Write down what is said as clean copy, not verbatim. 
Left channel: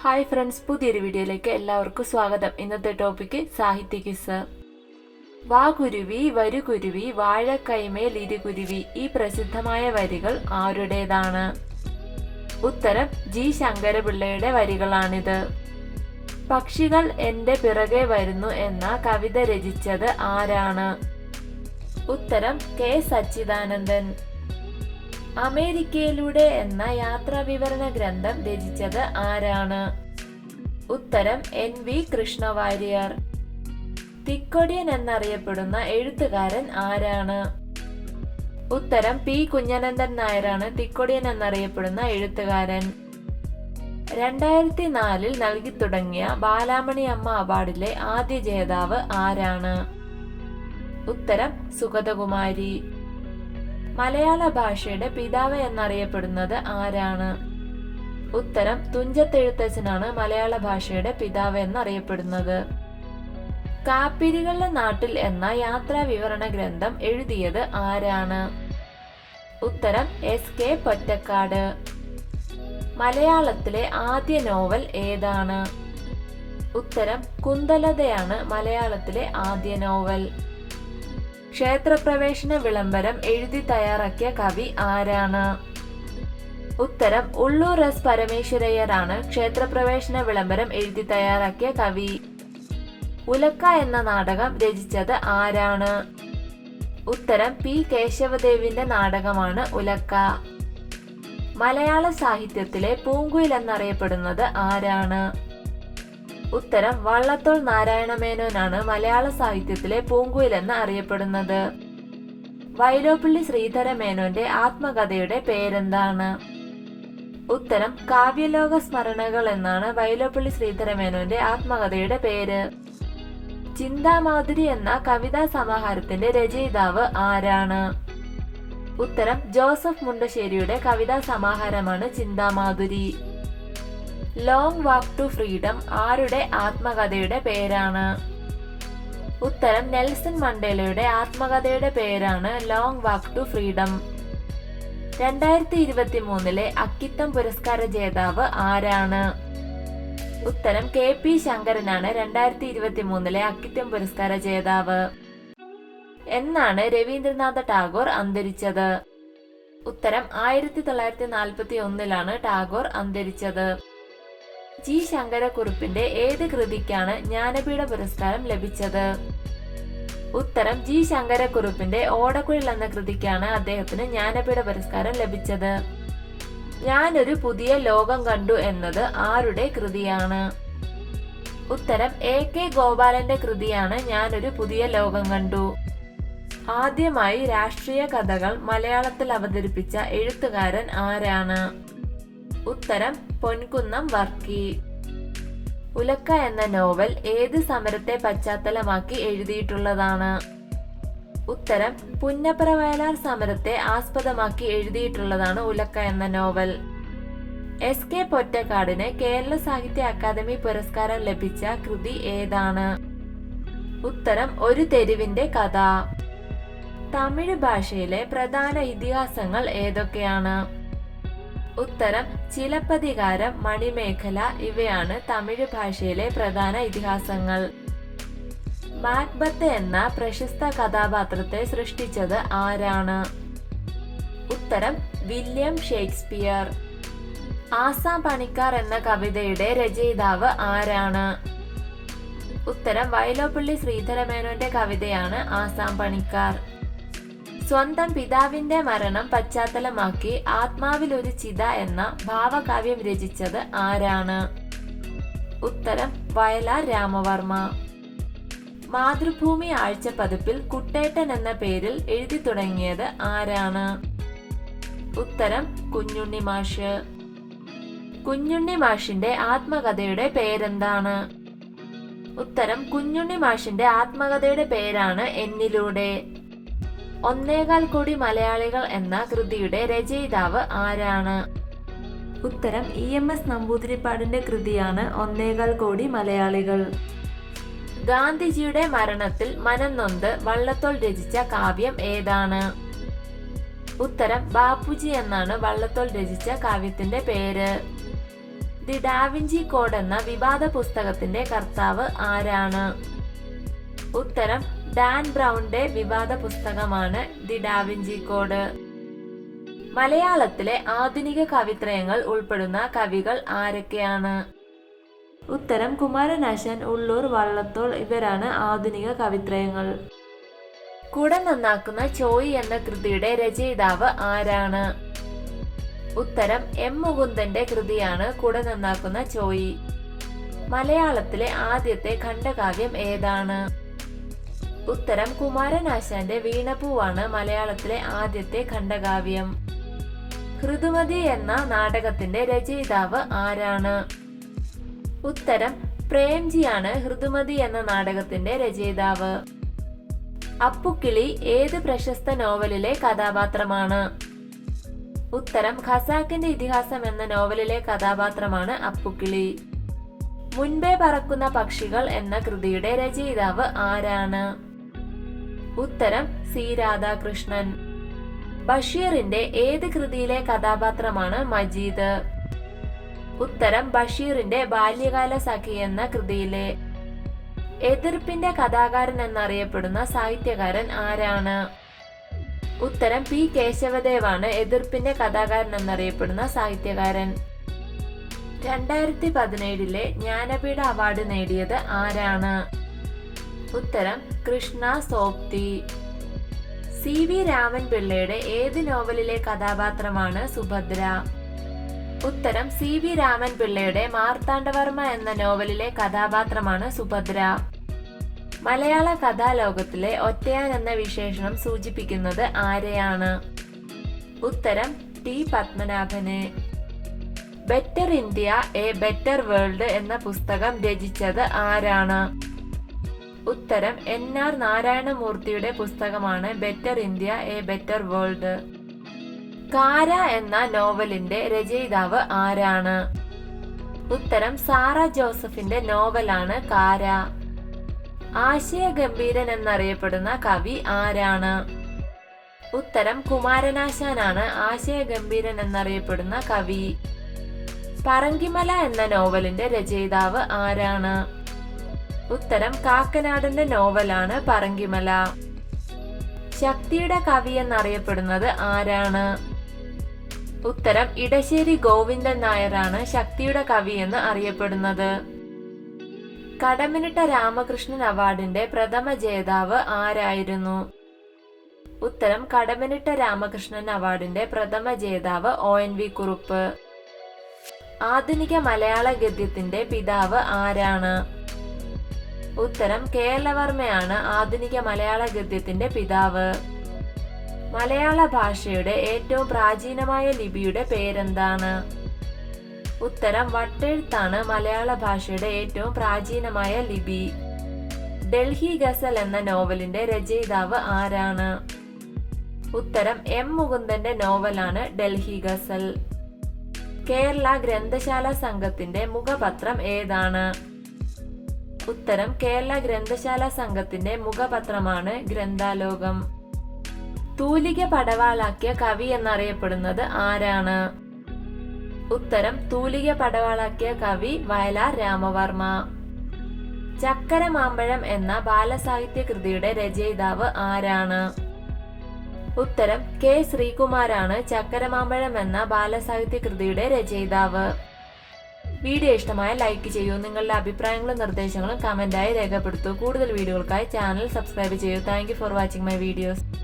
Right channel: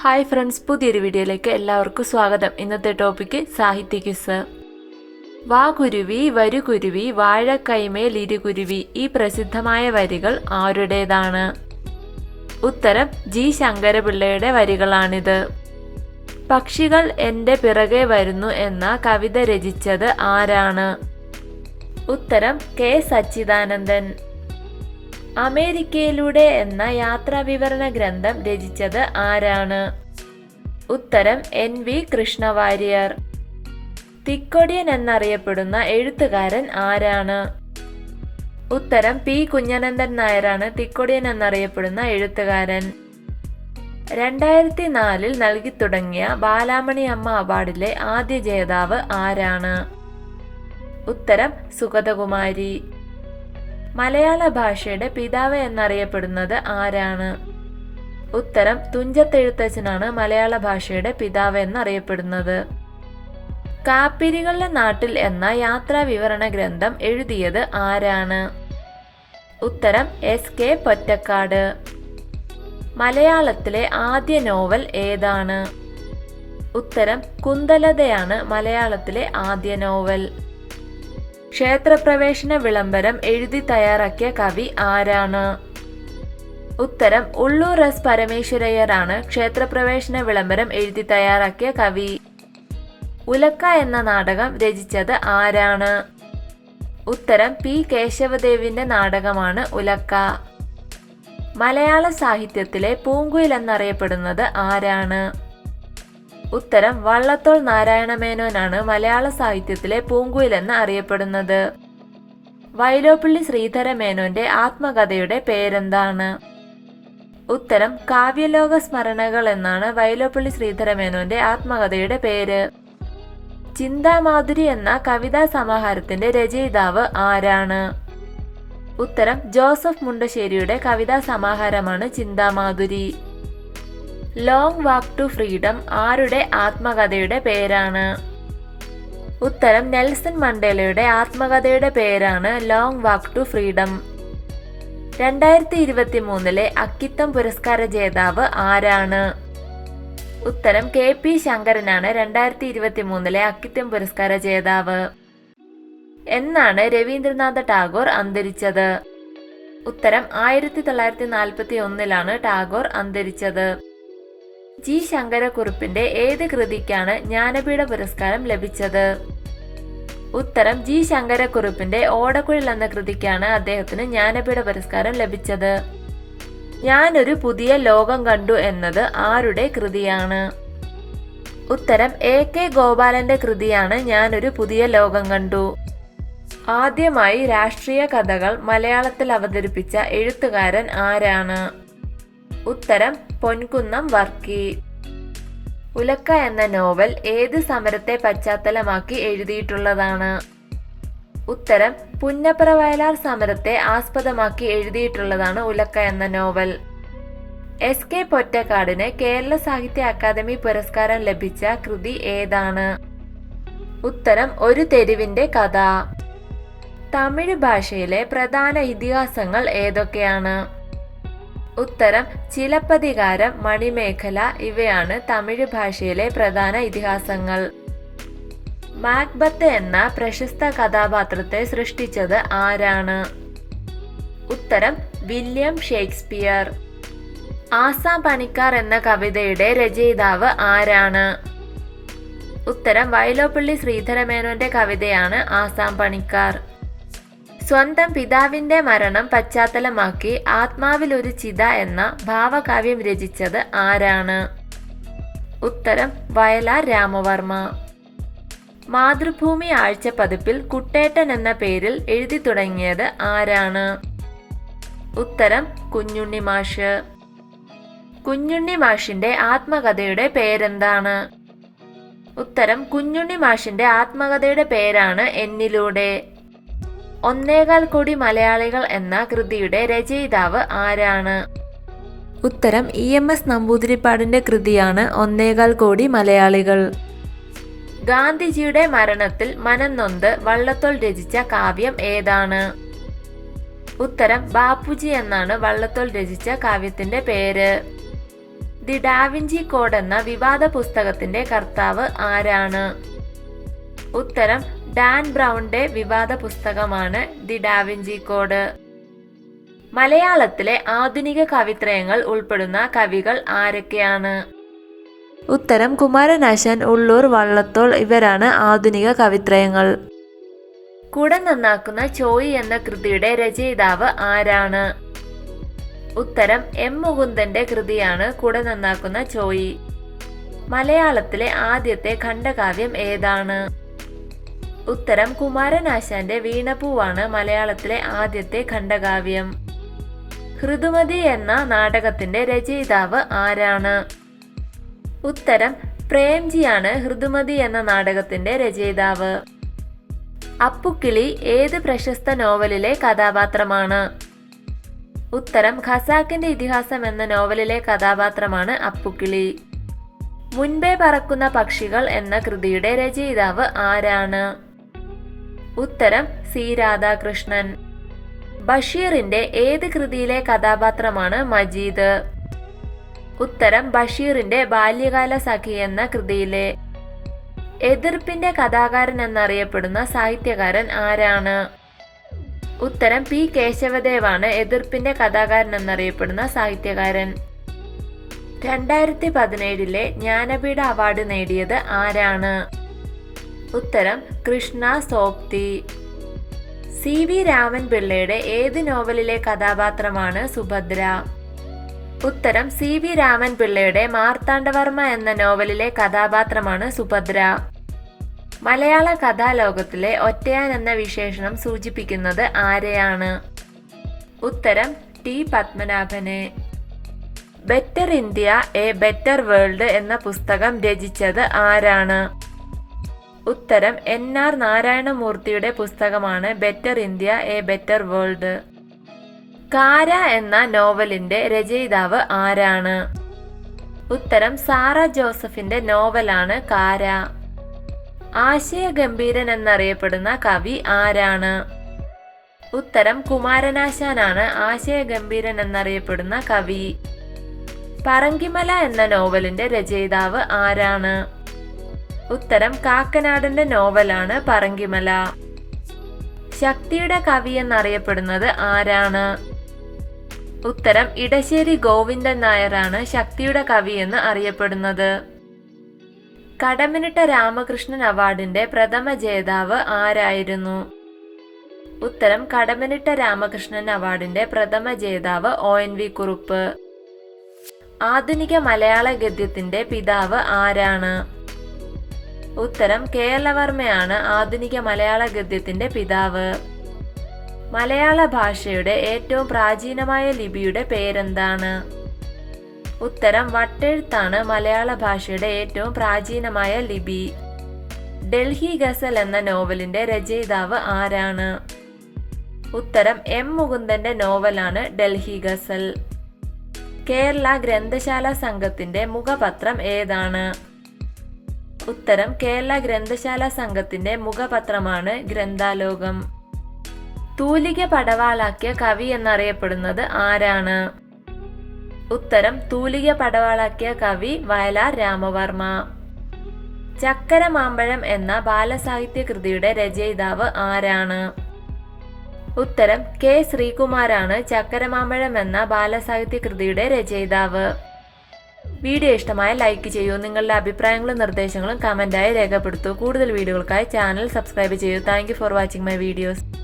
Hi friends, പുതിയൊരു വീഡിയോയിലേക്ക് എല്ലാവർക്കും സ്വാഗതം. ഇന്നത്തെ ടോപ്പിക്ക് സാഹിത്യ ക്വിസ്. വാ കുരുവി വരു കുരുവി വാഴക്കൈമേൽ ഇരുകുരുവി, ഈ പ്രസിദ്ധമായ വരികൾ ആരുടേതാണ്? ഉത്തരം ജി ശങ്കരപിള്ളയുടെ വരികളാണിത്. പക്ഷികൾ എൻ്റെ പിറകെ വരുന്നു എന്ന കവിത രചിച്ചത് ആരാണ്? ഉത്തരം കെ സച്ചിദാനന്ദൻ. അമേരിക്കയിലൂടെ എന്ന യാത്രാവിവരണ ഗ്രന്ഥം രചിച്ചത് ആരാണ്? ഉത്തരം എൻ വി കൃഷ്ണവാര്യർ. തിക്കൊടിയൻ എന്നറിയപ്പെടുന്ന എഴുത്തുകാരൻ ആരാണ്? ഉത്തരം പി കുഞ്ഞനന്ദൻ നായരാണ് തിക്കൊടിയൻ എന്നറിയപ്പെടുന്ന എഴുത്തുകാരൻ. 2004 നൽകി തുടങ്ങിയ ബാലാമണി അമ്മ അവാർഡിലെ ആദ്യ ജേതാവ് ആരാണ്? ഉത്തരം സുഗതകുമാരി. മലയാള ഭാഷയുടെ പിതാവ് എന്നറിയപ്പെടുന്നത് ആരാണ്? ഉത്തരം തുഞ്ചത്തെഴുത്തച്ഛനാണ് മലയാള ഭാഷയുടെ പിതാവ് എന്നറിയപ്പെടുന്നത്. കാപ്പിരികളുടെ നാട്ടിൽ എന്ന യാത്രാ വിവരണ ഗ്രന്ഥം എഴുതിയത് ആരാണ്? ഉത്തരം എസ് കെ പൊറ്റക്കാട്. മലയാളത്തിലെ ആദ്യ നോവൽ ഏതാണ്? ഉത്തരം കുന്തലതയാണ് മലയാളത്തിലെ ആദ്യ നോവൽ. ക്ഷേത്രപ്രവേശന വിളംബരം എഴുതി തയ്യാറാക്കിയ കവി ആരാണ്? ഉത്തരം ഉള്ളൂർ എസ് പരമേശ്വരയ്യരാണ് ക്ഷേത്രപ്രവേശന വിളംബരം എഴുതി തയ്യാറാക്കിയ കവി. ഉലക്ക എന്ന നാടകം രചിച്ചത് ആരാണ്? ഉത്തരം പി കേശവദേവിന്റെ നാടകമാണ് ഉലക്ക. മലയാള സാഹിത്യത്തിലെ പൂങ്കുയിൽ എന്നറിയപ്പെടുന്നത് ആരാണ്? ഉത്തരം വള്ളത്തോൾ നാരായണമേനോനാണ് മലയാള സാഹിത്യത്തിലെ പൂങ്കുയിൽ എന്ന് അറിയപ്പെടുന്നത്. വൈലോപ്പിള്ളി ശ്രീധരമേനോന്റെ ആത്മകഥയുടെ പേരെന്താണ്? ഉത്തരം കാവ്യലോക സ്മരണകൾ എന്നാണ് വൈലോപ്പിള്ളി ശ്രീധരമേനോന്റെ ആത്മകഥയുടെ പേര്. ചിന്താമാധുരി എന്ന കവിതാ സമാഹാരത്തിന്റെ രചയിതാവ് ആരാണ്? ഉത്തരം ജോസഫ് മുണ്ടശ്ശേരിയുടെ കവിതാ സമാഹാരമാണ് Chinthamadhuri. Long walk to freedom ആരുടെ ആത്മകഥയുടെ പേരാണ്? ഉത്തരം നെൽസൺ മണ്ടേലയുടെ ആത്മകഥയുടെ പേരാണ് long walk to freedom. 2023 Akkitham പുരസ്കാര ജേതാവ് ആരാണ്? ഉത്തരം കെ പി ശങ്കരനാണ് 2023 അക്കിത്തം പുരസ്കാര ജേതാവ്. എന്നാണ് രവീന്ദ്രനാഥ ടാഗോർ അന്തരിച്ചത്? ഉത്തരം 1941 ടാഗോർ അന്തരിച്ചത്. ജി ശങ്കരക്കുറുപ്പിന്റെ ഏത് കൃതിക്കാണ് ജ്ഞാനപീഠ പുരസ്കാരം ലഭിച്ചത്? ഉത്തരം ജി ശങ്കരക്കുറുപ്പിന്റെ ഓടക്കുഴൽ എന്ന കൃതിക്കാണ് അദ്ദേഹത്തിന് ജ്ഞാനപീഠ പുരസ്കാരം ലഭിച്ചത്. ഞാനൊരു പുതിയ ലോകം കണ്ടു എന്നത് ആരുടെ കൃതിയാണ്? ഉത്തരം എ കെ ഗോപാലന്റെ കൃതിയാണ് ഞാനൊരു പുതിയ ലോകം കണ്ടു. ആദ്യമായി രാഷ്ട്രീയ കഥകൾ മലയാളത്തിൽ അവതരിപ്പിച്ച എഴുത്തുകാരൻ ആരാണ്? ഉത്തരം പൊൻകുന്നം വർക്കി. ഉലക്ക എന്ന നോവൽ ഏത് സമരത്തെ പശ്ചാത്തലമാക്കി എഴുതിയിട്ടുള്ളതാണ്? ഉത്തരം പുന്നപ്ര വയലാർ സമരത്തെ ആസ്പദമാക്കി എഴുതിയിട്ടുള്ളതാണ് ഉലക്ക എന്ന നോവൽ. എസ് കെ പൊറ്റക്കാടിന് കേരള സാഹിത്യ അക്കാദമി പുരസ്കാരം ലഭിച്ച കൃതി ഏതാണ്? ഉത്തരം ഒരു തെരുവിന്റെ കഥ. തമിഴ് ഭാഷയിലെ പ്രധാന ഇതിഹാസങ്ങൾ ഏതൊക്കെയാണ്? ഉത്തരം ചിലപ്പതികാരം, മണിമേഖല ഇവയാണ് തമിഴ് ഭാഷയിലെ പ്രധാന ഇതിഹാസങ്ങൾ. മാക്ബത്ത് എന്ന പ്രശസ്ത കഥാപാത്രത്തെ സൃഷ്ടിച്ചത് ആരാണ്? ഉത്തരം വില്യം ഷേക്സ്പിയർ. ആസാം പണിക്കാർ എന്ന കവിതയുടെ രചയിതാവ് ആരാണ്? ഉത്തരം വൈലോപ്പിള്ളി ശ്രീധരമേനോന്റെ കവിതയാണ് ആസാം പണിക്കാർ. സ്വന്തം പിതാവിന്റെ മരണം പശ്ചാത്തലമാക്കി ആത്മാവിൽ ഒരു ചിത എന്ന ഭാവകാവ്യം രചിച്ചത് ആരാണ്? ഉത്തരം വയലാർ രാമവർമ്മ. മാതൃഭൂമി ആഴ്ച പതിപ്പിൽ കുട്ടേട്ടൻ എന്ന പേരിൽ എഴുതി തുടങ്ങിയത് ആരാണ്? ഉത്തരം കുഞ്ഞുണ്ണി മാഷ്. കുഞ്ഞുണ്ണി മാഷിന്റെ ആത്മകഥയുടെ പേരെന്താണ്? ഉത്തരം കുഞ്ഞുണ്ണി മാഷിന്റെ ആത്മകഥയുടെ പേരാണ് എന്നിലൂടെ. 1.25 കോടി മലയാളികൾ എന്ന കൃതിയുടെ രചയിതാവ് ആരാണ്? ഉത്തരം EMS നമ്പൂതിരിപ്പാടിന്റെ കൃതിയാണ് 1.25 കോടി മലയാളികൾ. ഗാന്ധിജിയുടെ മരണത്തിൽ മനം നൊന്ത് വള്ളത്തോൾ രചിച്ച കാവ്യം ഏതാണ്? ഉത്തരം ബാപ്പുജി എന്നാണ് വള്ളത്തോൾ രചിച്ച കാവ്യത്തിന്റെ പേര്. ദി ഡാവിഞ്ചി കോഡ് എന്ന വിവാദ പുസ്തകത്തിന്റെ കർത്താവ് ആരാണ്? ഉത്തരം ഡാൻ ബ്രൗണിന്റെ വിവാദ പുസ്തകമാണ് ദി ഡാവിഞ്ചി കോഡ്. മലയാളത്തിലെ ആധുനിക കവിത്രയങ്ങൾ ഉൾപ്പെടുന്ന കവികൾ ആരൊക്കെയാണ്? ഉത്തരം കുമാരനാശാൻ, ഉള്ളൂർ, വള്ളത്തോൾ ഇവരാണ് ആധുനിക കവിത്രയങ്ങൾ. കുട നന്നാക്കുന്ന ചോയി എന്ന കൃതിയുടെ രചയിതാവ് ആരാണ്? ഉത്തരം എം മുകുന്ദന്റെ കൃതിയാണ് കുട നന്നാക്കുന്ന ചോയി. മലയാളത്തിലെ ആദ്യത്തെ ഖണ്ഡകാവ്യം ഏതാണ്? ഉത്തരം കുമാരനാശാന്റെ വീണപൂവാണ് മലയാളത്തിലെ ആദ്യത്തെ ഖണ്ഡകാവ്യം. ഋതുമതി എന്ന നാടകത്തിന്റെ രചയിതാവ് ആരാണ്? ഉത്തരം പ്രേംജിയാണ് ഋതുമതി എന്ന നാടകത്തിന്റെ രചയിതാവ്. അപ്പുക്കിളി ഏത് പ്രശസ്ത നോവലിലെ കഥാപാത്രമാണ്? ഉത്തരം ഖസാക്കിന്റെ ഇതിഹാസം എന്ന നോവലിലെ കഥാപാത്രമാണ് അപ്പുക്കിളി. മുൻപേ പറക്കുന്ന പക്ഷികൾ എന്ന കൃതിയുടെ രചയിതാവ് ആരാണ്? ഉത്തരം സി രാധാകൃഷ്ണൻ. ബഷീറിന്റെ ഏത് കൃതിയിലെ കഥാപാത്രമാണ് മജീദ്? ഉത്തരം ബഷീറിന്റെ ബാല്യകാല സഖി എന്ന കൃതിയിലെ. എതിർപ്പിന്റെ കഥാകാരൻ എന്നറിയപ്പെടുന്ന സാഹിത്യകാരൻ ആരാണ്? ഉത്തരം പി കേശവദേവാണ് എതിർപ്പിന്റെ കഥാകാരൻ എന്നറിയപ്പെടുന്ന സാഹിത്യകാരൻ. 2017 ജ്ഞാനപീഠ അവാർഡ് നേടിയത് ആരാണ്? ഉത്തരം കൃഷ്ണ സോപ്തി. സി വി രാമൻ പിള്ളയുടെ ഏത് നോവലിലെ കഥാപാത്രമാണ് സുഭദ്ര? ഉത്തരം സി വി രാമൻ പിള്ളയുടെ മാർത്താണ്ഡവർമ്മ എന്ന നോവലിലെ കഥാപാത്രമാണ് സുഭദ്ര. മലയാള കഥാലോകത്തിലെ ഒറ്റയാൻ എന്ന വിശേഷണം സൂചിപ്പിക്കുന്നത് ആരെയാണ്? ഉത്തരം ടി പത്മനാഭനെ. Better India a better world എന്ന പുസ്തകം രചിച്ചത് ആരാണ്? ഉത്തരം NR നാരായണമൂർത്തിയുടെ പുസ്തകമാണ് better India a better world. Kara എന്ന നോവലിന്റെ രചയിതാവ് ആരാണ്? ഉത്തരം സാറ ജോസഫിന്റെ നോവലാണ് കാര. ആശയഗംഭീരൻ എന്നറിയപ്പെടുന്ന കവി ആരാണ്? ഉത്തരം കുമാരനാശാനാണ് ആശയഗംഭീരൻ എന്നറിയപ്പെടുന്ന കവി. പറങ്കിമല എന്ന നോവലിന്റെ രചയിതാവ് ആരാണ്? ഉത്തരം കാക്കനാടന്റെ നോവലാണ് പറങ്കിമല. ശക്തിയുടെ കവി എന്നറിയപ്പെടുന്നത് ആരാണ്? ഉത്തരം ഇടശ്ശേരി ഗോവിന്ദൻ നായരാണ് ശക്തിയുടെ കവി എന്ന് അറിയപ്പെടുന്നത്. കടമ്മനിട്ട രാമകൃഷ്ണൻ അവാർഡിന്റെ പ്രഥമ ജേതാവ് ആരായിരുന്നു? ഉത്തരം കടമ്മനിട്ട രാമകൃഷ്ണൻ അവാർഡിന്റെ പ്രഥമ ജേതാവ് ONV കുറുപ്പ്. ആധുനിക മലയാള ഗദ്യത്തിന്റെ പിതാവ് ആരാണ്? ഉത്തരം കേരളവർമ്മയാണ് ആധുനിക മലയാള ഗദ്യത്തിന്റെ പിതാവ്. മലയാള ഭാഷയുടെ ഏറ്റവും പ്രാചീനമായ ലിപിയുടെ പേരെന്താണ്? ഉത്തരം വട്ടെഴുത്താണ് മലയാള ഭാഷയുടെ ഏറ്റവും പ്രാചീനമായ ലിപി. ഡൽഹി ഗസൽ എന്ന നോവലിന്റെ രചയിതാവ് ആരാണ്? ഉത്തരം എം മുകുന്ദന്റെ നോവലാണ് ഡൽഹി ഗസൽ. കേരള ഗ്രന്ഥശാല സംഘത്തിന്റെ മുഖപത്രം ഏതാണ്? ഉത്തരം കേരള ഗ്രന്ഥശാല സംഘത്തിന്റെ മുഖപത്രമാണ് ഗ്രന്ഥാലോകം. തൂലിക പടവാളാക്കിയ കവി എന്നറിയപ്പെടുന്നത് ആരാണ്? ഉത്തരം തൂലിക പടവാളാക്കിയ കവി വയലാർ രാമവർമ്മ. ചക്കര മാമ്പഴം എന്ന ബാലസാഹിത്യ കൃതിയുടെ രചയിതാവ് ആരാണ്? ഉത്തരം കെ ശ്രീകുമാരാണ് ചക്കരമാമ്പഴം എന്ന ബാലസാഹിത്യ കൃതിയുടെ രചയിതാവ്. വീഡിയോ ഇഷ്ടമായ ലൈക്ക് ചെയ്യൂ. നിങ്ങളുടെ അഭിപ്രായങ്ങളും നിർദ്ദേശങ്ങളും കമന്റായി രേഖപ്പെടുത്തൂ. കൂടുതൽ വീഡിയോകൾക്കായി ചാനൽ സബ്സ്ക്രൈബ് ചെയ്യൂ. Thank you for watching my videos.